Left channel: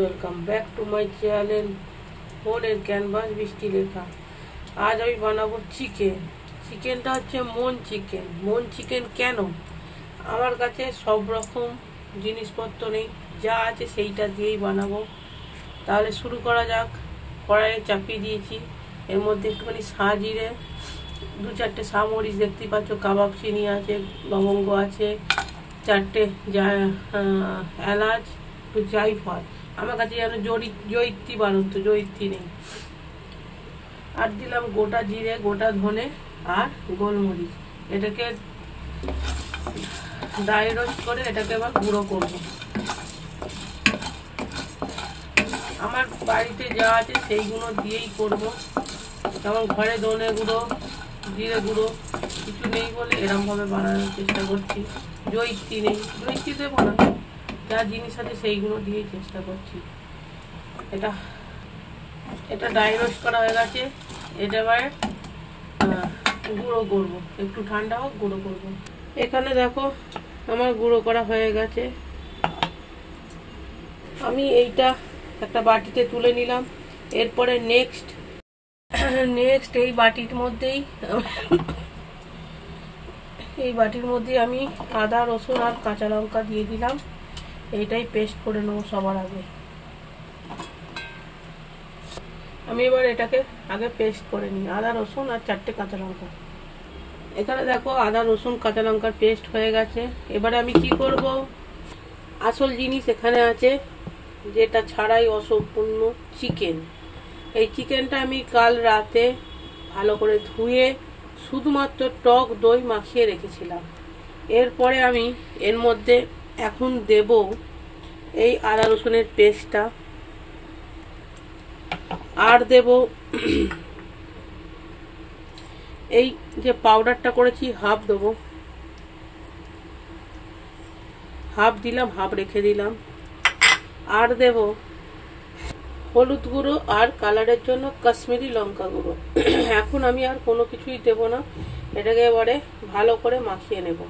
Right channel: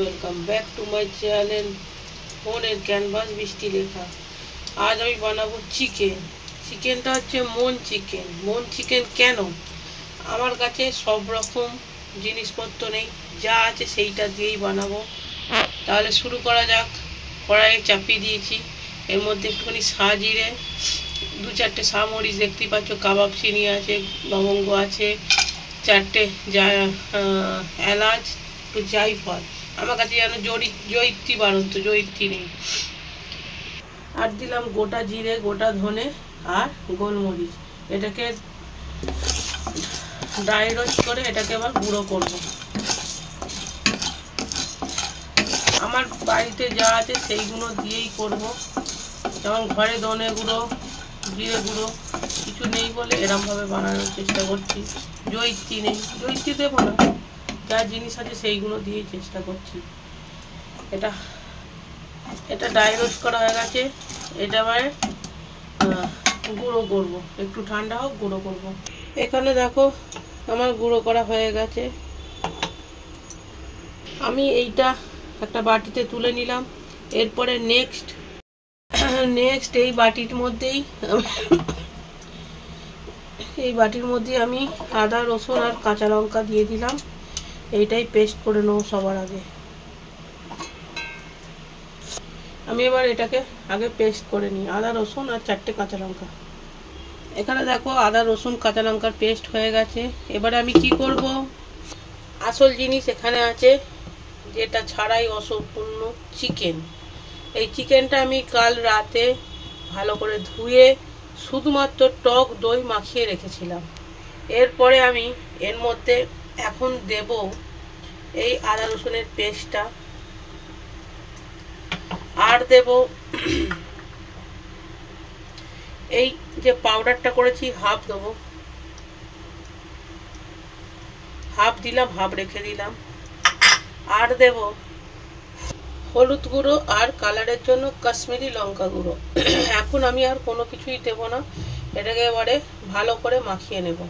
Welcome back to my channel ফোনের canvas বৃষ্টি লেখা। আজ আমি বানাবো চিকেনটা হচ্ছে মন চিকেন কেন? আমার কাছে সব রকম জিনিসপত্র নেই, যা আছে সেইটা দিয়েই বানাবো। তাহলে শুরু করা যাক। কড়াইয়ে চাপিয়ে দিয়েছি, এর মধ্যে একটুখানি জিরে, 2-4টে মরিচ দেখতেই পাচ্ছ, কাবাব চিনি আছে, লবঙ্গ আছে, 4টে এলাচ, একটু জায়ফল। আমার কাছে যেন জয়িত্রী বাড়ন্ত, জয়িত্রী নেই। আর দিলাম গোটা জিরে, গোটা ধনে আর গোলমরিচ। এটাকে ড্রাই রোস্ট করে এটাকে আবার গুঁড়ো করব। আমার বাড়িতে যা আছে সেইগুলো দিয়েই করব। যেমন ঘরে ধনে গুঁড়ো, জিরে গুঁড়ো কিছু নেই বলে এরমভাবে বানানোর চেষ্টা করছি। জয়িত্রী নেই, জয়িত্রী দেবো না, যা জিনিস আছে সেইগুলো দিয়েই চেষ্টা করছি। এটা ড্রাই রোস্ট করা হয়ে গেছে। এটা আবার গুঁড়ো করব, একটু ঠান্ডা হোক গুঁড়ো করব। এখানে দেখো আমার গুঁড়ো করা হয়ে গেছে। আমি এইটা একটা বাটিতে তুলে নিলাম। এরপরে নেক্সট এই বাটির মধ্যেই আমি আদা, রসুন আর কাঁচা লঙ্কা দিয়ে দিলাম। এইটাই পেস্ট করে নেবো সবার আগে। আমি এবার এটাকে আগে পেস্ট করে নিই, আদা, রসুন আর 4টে কাঁচা লঙ্কা। এখানে দেখো আদা, রসুন, কাঁচা লঙ্কার পেস্ট হয়ে গেছে। এবারে আমি কি করব, আসল জিনিস এখানে আছে, যেটা ছাড়াই অসম্পূর্ণ চিকেন। এই চিকেনটা আমি কাল রাতে ভালো করে ধুয়ে শুধুমাত্র টক দই মাখিয়ে রেখেছিলাম। এরপরে আমি এর মধ্যে এখন দেব এই আদা রসুনের পেস্টটা, আর দেব এই যে পাউডারটা করেছি হাফ দেবো, হাফ দিলাম, হাফ রেখে দিলাম। আর দেব হলুদ গুঁড়ো আর কালারের জন্য কাশ্মীরি লঙ্কা গুঁড়ো। এখন আমি আর কোনো কিছুই দেব না, এটাকে এবারে ভালো করে মাখিয়ে নেব।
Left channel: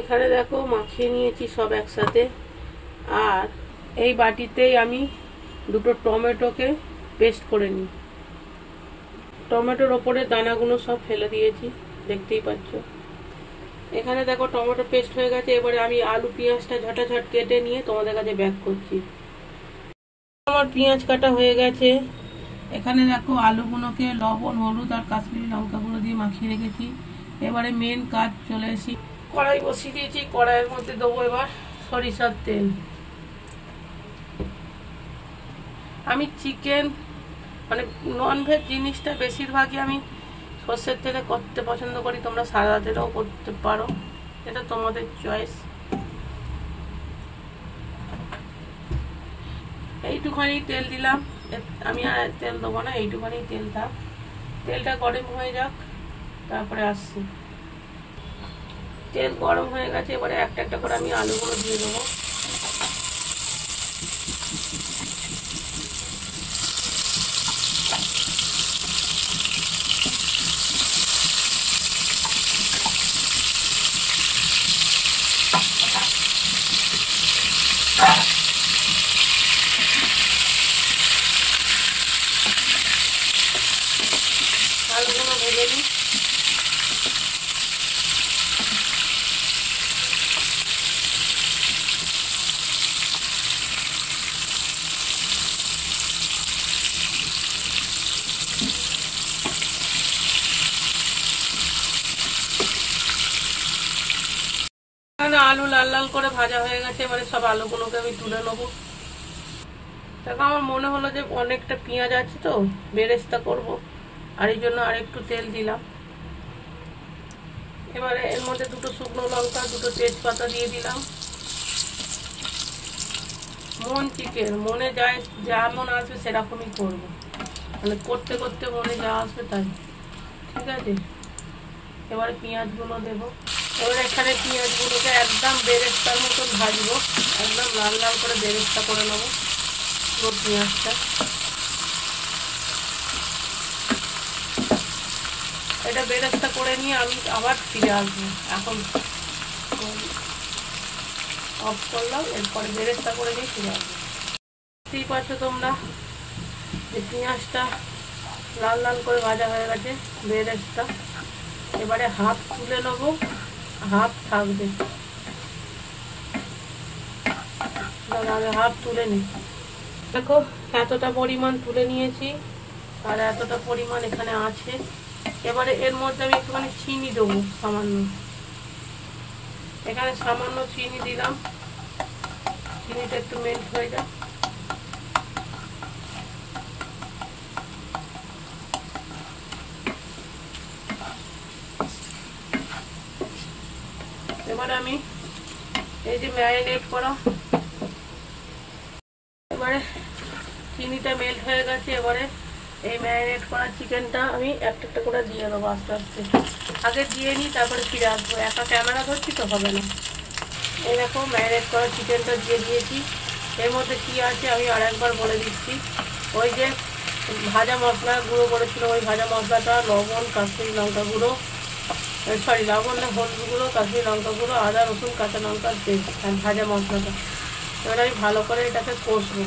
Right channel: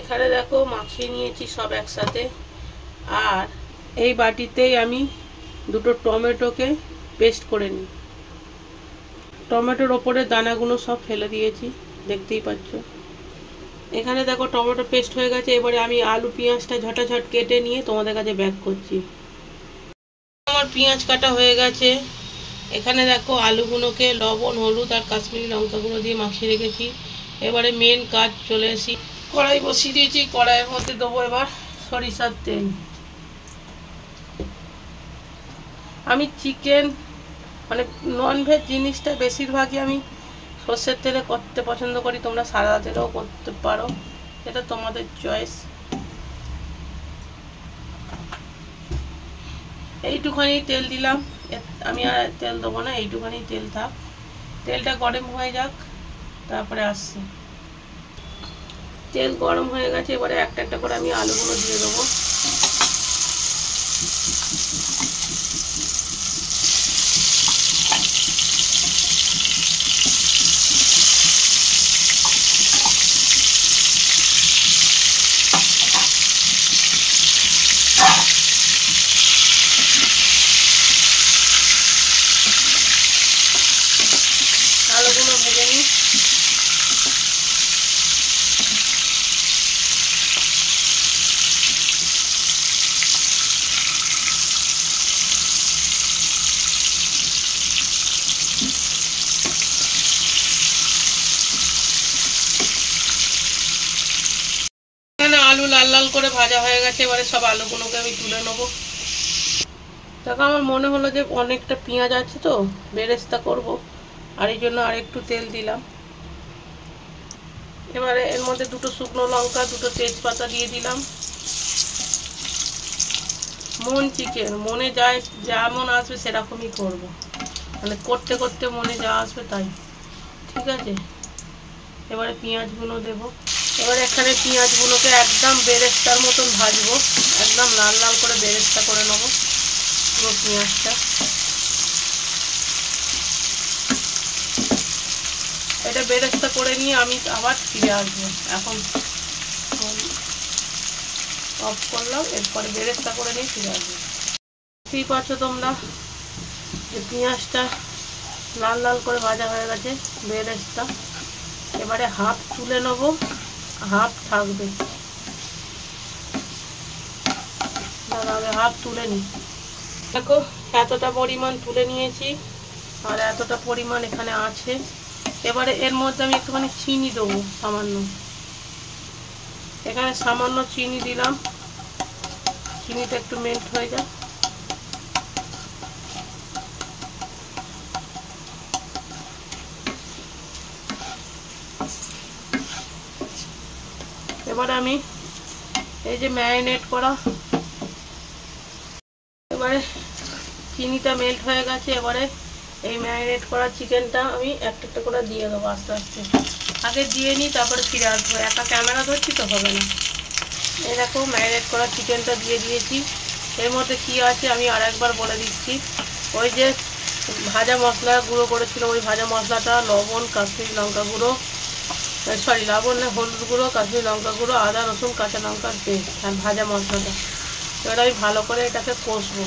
এখানে দেখো মাখিয়ে নিয়েছি সব একসাথে। আর এই বাটিতেই আমি 2টো টমেটোকে পেস্ট করে নিই। টমেটোর ওপরে দানাগুলো সব ফেলে দিয়েছি, দেখতেই পাচ্ছ। এখানে দেখো টমেটো পেস্ট হয়ে গেছে। এবারে আমি আলু পেঁয়াজটা ঝটাঝট কেটে নিয়ে তোমাদের কাছে ব্যাক করছি। আমার পেঁয়াজ কাটা হয়ে গেছে। এখানে দেখো আলুগুলোকে লবণ, হলুদ আর কাশ্মীরি লঙ্কা গুঁড়ো দিয়ে মাখিয়ে রেখেছি। এবারে মেন কাজ চলে এসেছি, কড়াই বসিয়ে দিয়েছি। কড়াইয়ের মধ্যে দেবো এবার সরিষার তেল। আমি চিকেন মানে ননভেজ জিনিসটা বেশিরভাগই আমি সর্ষের তেলে করতে পছন্দ করি, তোমরা সাদা তেলেও করতে পারো, এটা তোমাদের চয়েস। এইটুখানি তেল দিলাম, আমি আর তেল দেবো না, এইটুখানি তেল থাক। তেলটা গরম হয়ে যাক, তারপরে আসছে। তেল গরম হয়ে গেছে। এবারে একটা একটা করে আমি আলুগুলো দিয়ে দেবো। আলুগুলো ভেজে নিই। আলু লাল লাল করে ভাজা হয়ে গেছে। এবারে সব আলুগুলোকে আমি তুলে নেবো। দেখো আমার মনে হলো যে অনেকটা পেঁয়াজ আছে তো বেরেস্তা করব, আর এই জন্য আর একটু তেল দিলাম। এবারে এর মধ্যে 2টো শুকনো লঙ্কা, 2টো তেজপাতা দিয়ে দিলাম। চিকেন মনে যায় যেমন আসবে সেরকমই করব, মানে করতে করতে মনে যা আসবে তাই, ঠিক আছে। এবারে পেঁয়াজগুলো দেব। এবারে এখানে পেঁয়াজগুলোকে একদম বেরেস্তার মতন ভাজবো, একদম লাল লাল করে বেরেস্তা করে নেবো পুরো পেঁয়াজটা। এটা বেরেস্তা করে নিয়ে আমি আবার ফিরে আসবো। এখন অফ করলাম, এরপরে বেরেস্তা করে নিয়ে ফিরে আসবো। দেখতেই পাচ্ছ তোমরা যে পেঁয়াজটা লাল লাল করে ভাজা হয়ে গেছে বেরেস্তা। এবারে হাফ তুলে নেব, হাফ থাকবে। আগে হাফ তুলে নিই। দেখো এতটা পরিমাণ তুলে নিয়েছি আর এতটা পরিমাণ এখানে আছে। এবারে এর মধ্যে আমি একটুখানি চিনি দেবো সামান্য। এখানে সামান্য চিনি দিলাম, চিনিটা একটু মেল্ট হয়ে যায়। এবারে আমি এই যে ম্যারিনেট করা, এবারে চিনিটা মেল্ট হয়ে গেছে। এবারে এই ম্যারিনেট করা চিকেনটা আমি একটা একটা করে দিয়ে দেবো আস্তে আস্তে। আগে দিয়ে নিই তারপরে ফিরে আসবো, একা ক্যামেরা ধরছি তো হবে না। এই দেখো ম্যারিনেট করা চিকেনটা দিয়ে দিয়েছি। এর মধ্যে কী আছে আমি আর একবার বলে দিচ্ছি। ওই যে ভাজা মশলা গুঁড়ো করেছিলাম, ওই ভাজা মশলাটা, লবণ, কাশ্মীরি লঙ্কা গুঁড়ো, সরি লবণ না, হলুদ গুঁড়ো, কাশ্মীরি লঙ্কা গুঁড়ো, আদা রসুন কাঁচা লঙ্কার পেস্ট আর ভাজা মশলাটা। এবার আমি ভালো করে এটাকে কষবো।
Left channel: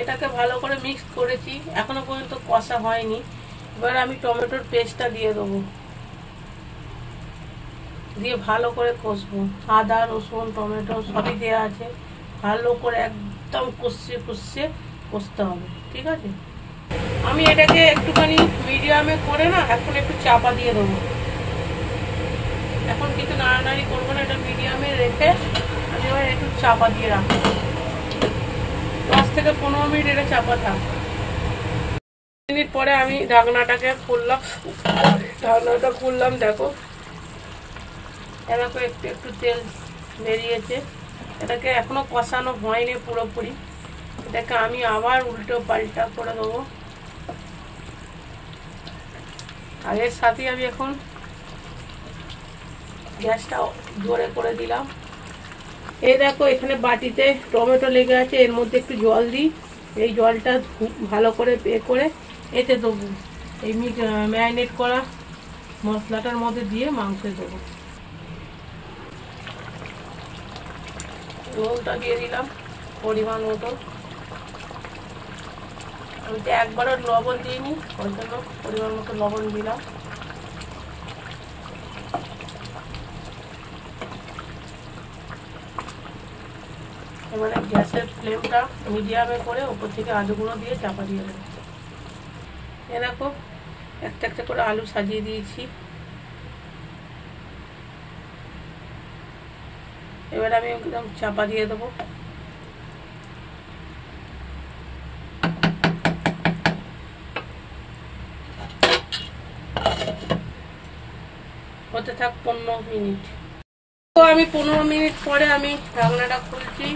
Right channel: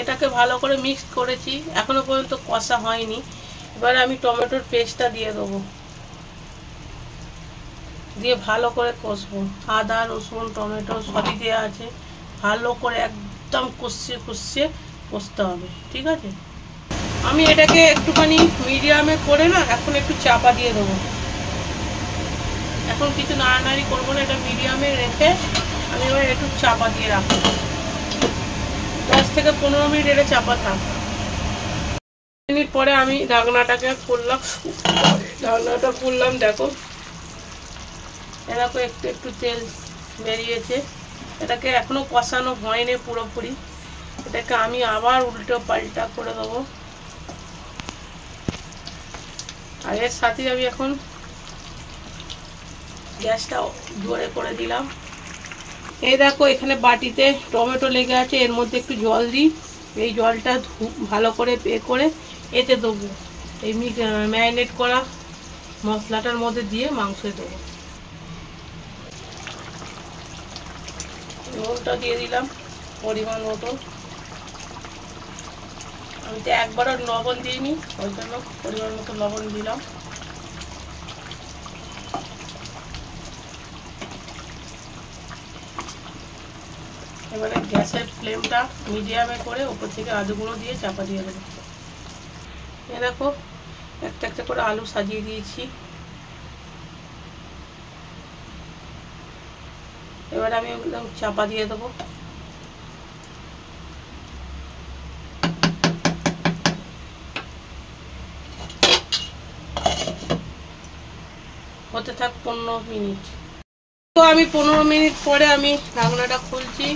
এটাকে ভালো করে মিক্স করেছি, এখনো পর্যন্ত কষা হয়নি। এবার আমি টমেটোর পেস্টটা দিয়ে দেবো, দিয়ে ভালো করে কষবো। আদা রসুন টমেটো সবই দেওয়া আছে, ভালো করে একদম কষিয়ে কষতে হবে, ঠিক আছে। আমি এটাকে একটুখানি মিডিয়ামে করে না এখন একটু চাপা দিয়ে দেবো। এখন কিছু নাড়ানাড়ি করবো না, এটা মিডিয়ামে রেখে আমি এবার একটু চাপা দিয়ে রাখবো। 10 থেকে 15 মিনিট এটা চাপা থাক। মিনিট পরে আমি ঢাকনাটাকে খুললাম, ঢাকনাটা খুললাম, দেখো এরকম একটু একটু তেল বেরিয়েছে। এটাকে এখনো কষানো হয়নি পুরোপুরি, এটাকে আমি আবার উল্টো পাল্টা করে দেবো। আর এর সাথে আমি এখন গ্যাসটা জোরে করে দিলাম। এই দেখো এখানে বাটিতে টমেটো লেগে আছে, এর মধ্যে একটু জল দিই। এই জলটা ভালো করে করে এতে দেবো, এই ম্যারিনেট করা মশলাটার মধ্যে দিয়ে মাংসে দেবো। লবণটা দিয়ে দিলাম পরিমাণ মতো। আমি তো একবারও লবণ দিইনি, ওই জন্য পরিমাণ মতো লবণ দিলাম। এবারে গ্যাসের ফ্লেমটা মিডিয়ামে করে উপর থেকে আলুগুলো দিয়ে চাপা দিয়ে দেবো। এ দেখো একটা একটা করে আলু সাজিয়ে দিয়েছি। এবারে আমি একদম চাপা দিয়ে দেবো। হতে থাক 15 মিনিট। তো আমি 15 মিনিট পরে আমি ঢাকনাটা খুলছি।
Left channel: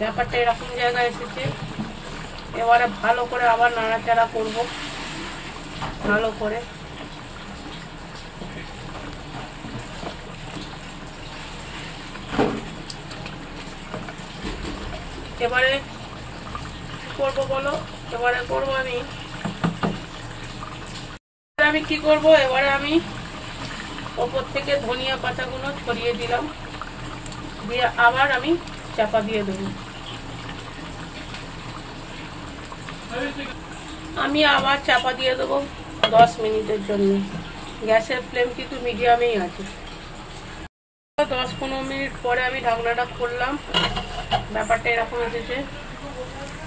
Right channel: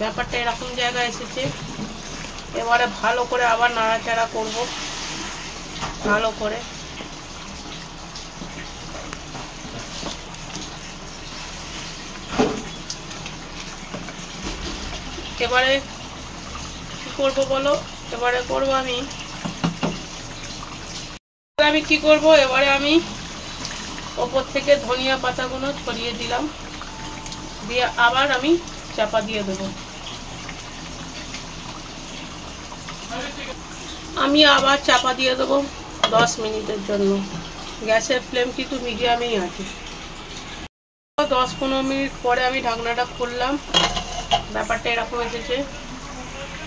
ব্যাপারটা এরকম জায়গায় এসেছে। এবারে ভালো করে আবার নাড়াচাড়া করব, ভালো করে। এবারে কি করব বলো, এবারে করব আমি কি করব, এবারে আমি ওপর থেকে ধনিয়া পাতাগুলো ছড়িয়ে দিলাম, দিয়ে আবার আমি চাপা দিয়ে দেব। আমি আবার চাপা দিয়ে দেবো 10 মিনিটের জন্য। গ্যাসের ফ্লেম কিন্তু মিডিয়ামেই আছে। 10-15 মিনিট পরে আমি ঢাকনাটা খুললাম। ব্যাপারটা এরকম এসেছে,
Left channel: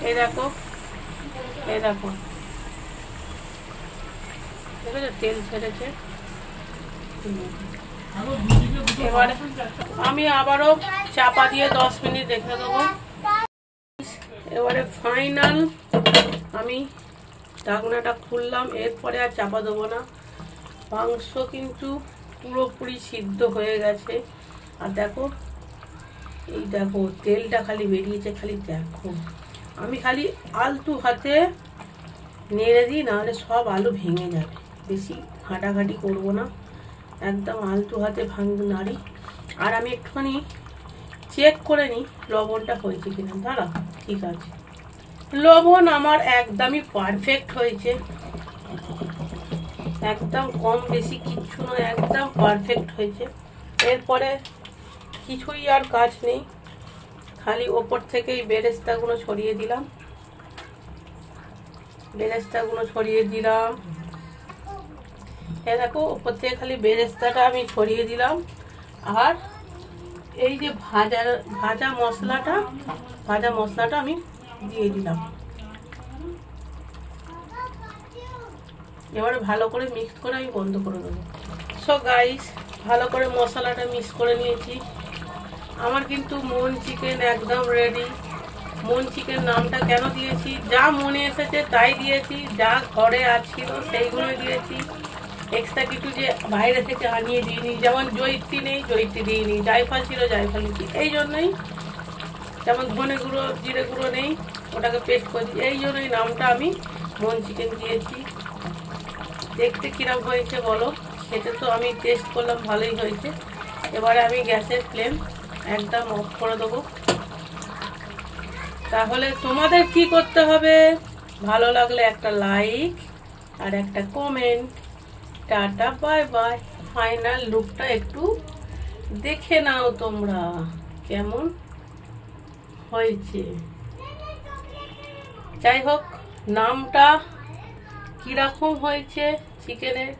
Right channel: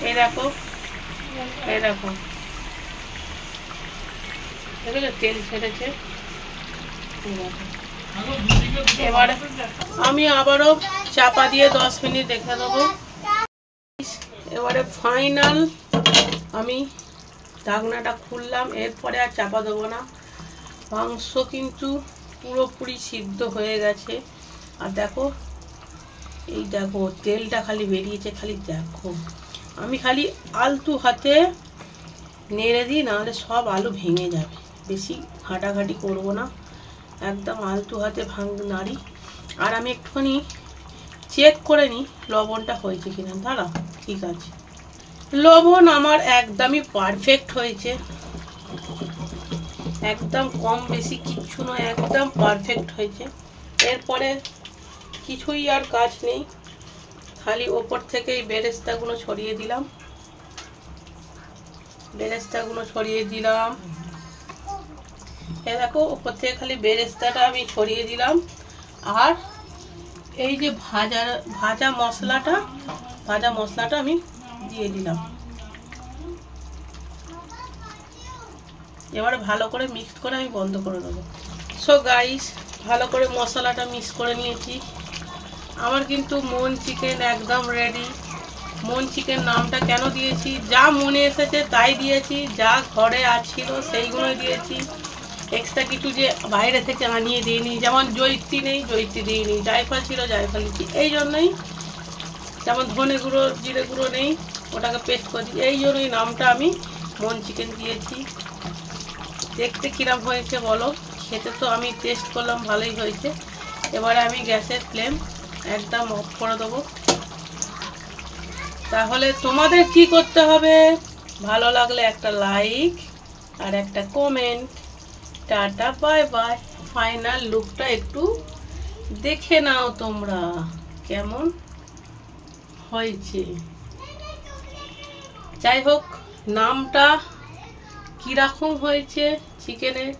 এই দেখো, এই দেখো, দেখেছো তেল ছেড়েছে। এবারে আমি আবারও চাপা দিয়ে 10 মিনিট রেখে দেবো। এবারে ফাইনাল আমি ঢাকনাটা খুললাম, এরপরে আর চাপা দেবো না। মাংস কিন্তু পুরোপুরি সিদ্ধ হয়ে গেছে। আর দেখো, এই দেখো তেলটা খালি বেরিয়েছে, খালি দেখো। আমি খালি আলতু হাতে নেড়ে দিই, নাহলে সব আলু ভেঙে যাবে। বেশি ঘাটাঘাটি করবো না, একদম আলতু হাতে নাড়ি। আর আমি একটুখানি চেক করে নিই লবণটা হয়েছে কিনা। দাঁড়া, ঠিক আছে, লবণ আমার একদমই পারফেক্ট হয়েছে, একদম কম বেশি কিচ্ছু নয়, একদম পারফেক্ট হয়েছে। এরপরে কিছুই আর কাজ নেই, খালি ওপর থেকে এই বেরেস্তাগুলো ছড়িয়ে দিলাম, বেরেস্তাগুলো ছড়িয়ে দিলাম। এ দেখো ওপর থেকে খালি বেরেস্তাটা আমি ছড়িয়ে দিলাম। আর এই যে ভাজা মশলাটা আমি দিয়ে দিলাম। এবারে ভালো করে মিক্স করে আমি বন্ধ করে দেবো। সো গাইস, ভালো করে মশলাটা মিক্স করে নিয়েছি। আমার কিন্তু মন চিকেন একদম রেডি। মন চিকেন নামটা কেন দিয়েছি, যা মনে এসেছে তাই দিয়েছি, যা ঘরে আছিল সেইগুলোই দিয়েছি। এক্সট্রা কিছু যে বাইরে থেকে আনিয়ে দিইনি, যেমন জয়িত্রী নেই জয়িত্রী দিইনি, জায়ফল ছিল জায়ফল দিচ্ছি, এই জন্যই। যেমন ধনে গুঁড়ো জিরে গুঁড়ো নেই, ওটাকে পেস্ট করছি, এই জন্যই নামটা আমি মন চিকেন দিয়েছি। দেখতে কিরম হয়েছে বলো, খেতে তো আমি টেস্ট করলাম ভালোই হয়েছে। এবারে আমি গ্যাসের ফ্লেম একদম অফ করে দেবো। তাহলে তোমাদের কি করতে হবে, ভালো লাগলে একটা লাইক আর একটা comment. Tata bye bye. Final লুকটা একটু দেখে নাও তোমরা কেমন হয়েছে। যাই হোক, নামটা কীরকম হয়েছে চিকেনের,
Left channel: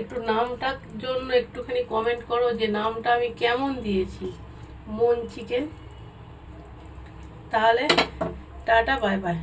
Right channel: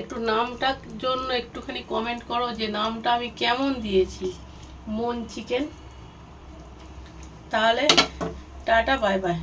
একটু নামটার জন্য একটুখানি কমেন্ট করো যে নামটা আমি কেমন দিয়েছি, মন চিকেন। তাহলে টাটা বাই বাই।